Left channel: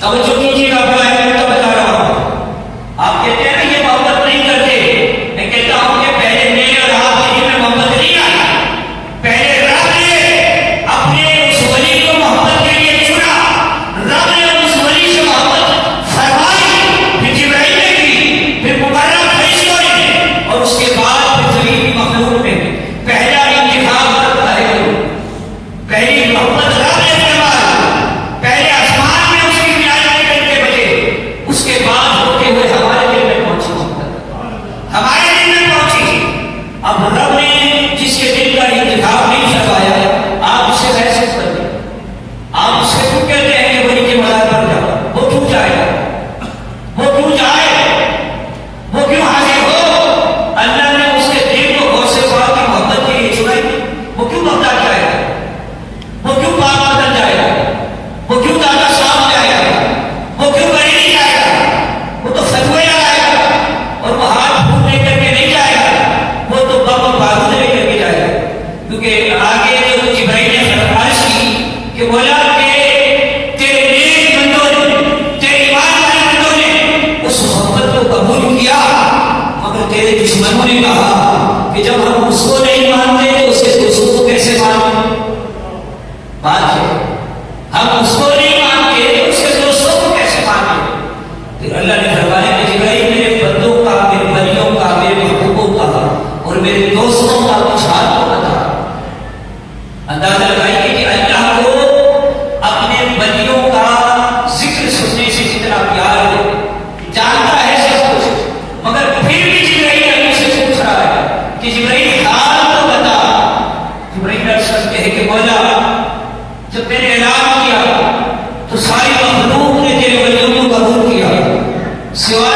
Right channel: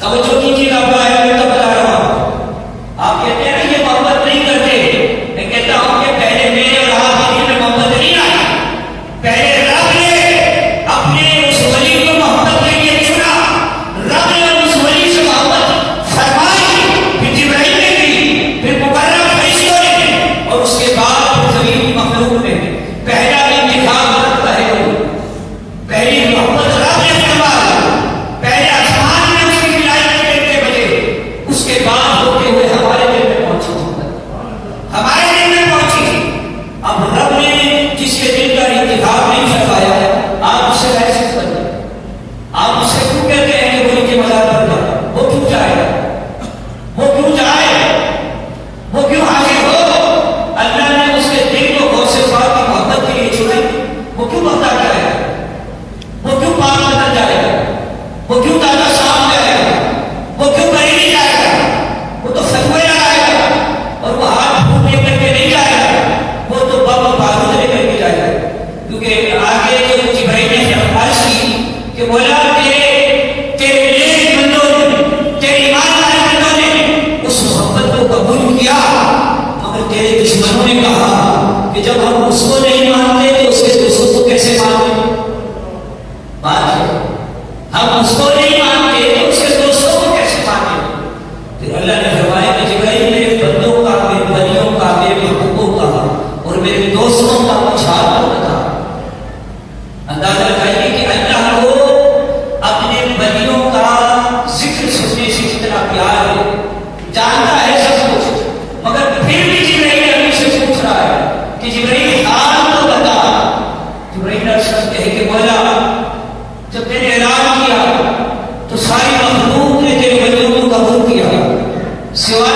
توجہ کیجیے گا، میں بتا رہا ہوں. آپ کہتے ہیں نا یہ محبت نہیں کرتے، میں کہتا ہوں کہ پہلے میں اور آپ کے دل میں محبت نہیں آئی. پہلے رب نے اپنے اس ولی کو محبت کے لیے چنا، رب نے اس ولی سے محبت فرمائی، پھر جبرائیل نے کی، پھر مقرب فرشتوں نے، اور اس کے بعد پھر زمین مخلوق نے. پہلا انتخاب کرتا ہے، پہلی محبت رب نے فرمائی، پہلے آسمان میں اس کی ولایت کے گھنٹے بجے، اس کے بعد ہوتے ہوئے ہمارے دل میں پہنچی، ہمارے دل میں پہنچی. اب رب نے جس کے دل کا انتخاب نہیں فرمایا ہے، آپ اس سے بحث کیوں کرتے ہیں؟ آپ اس سے کیوں کہتے ہیں کہ ولی کے مزار پر جاؤ؟ وہ کیوں جائے؟ وہ کیوں جائے؟ وہ کیوں حاضر ہو؟ اللہ نے اس کے دل کو غوث پاک کی محبت کے لیے چنائی، وہ کیوں بغداد جائے گا؟ وہ کیوں پاک بدل جائے گا؟ وہ کیوں دادا صاحب جائے گا؟ وہ کیوں بریلی جائے گا؟ وہ تو فتوے لگائے گا، اور وہ ہاتھ پھول لے کر کے نہیں جائے گا، وہ تو بم بارود لے کر کے جائے گا. کیونکہ آگے جو جبرائیل نے فرمائش کی کہ مولا تیرے نیک بندوں نے، تیرے ایمان والے بندوں نے اس محبت کو قبول کیا، مگر تیرے دشمنوں نے کہا کہ جب ہم اس کو نہیں مانتے تو اس کے دوستوں کو کیسے مانتے؟ بات ہے، ہم اس کو نہیں مانتے تو اس کے دوستوں کو کیسے مانتے؟ پھر اللہ نے فرمایا کہ جبرائیل میرے بندوں کا، میرے ولیوں کا، میرے محبوبوں کا اور میرے دوستوں کا کچھ حال کو بتا. اندازہ لگائیے کہ اللہ کو اپنے ولیوں کا ذکر سننے سے کتنا پیار ہے، جانتا ہے سب کچھ، مگر پھر بھی جبرائیل ابھی سے پوچھ رہا ہے کہ جبرائیل حال تو بتا. جبرائیل عرض کرتے ہیں کہ مولا جب میں نے اعلان کیا تو ساری مخلوق نے تیرے ولیوں کو قبول کیا، سوائے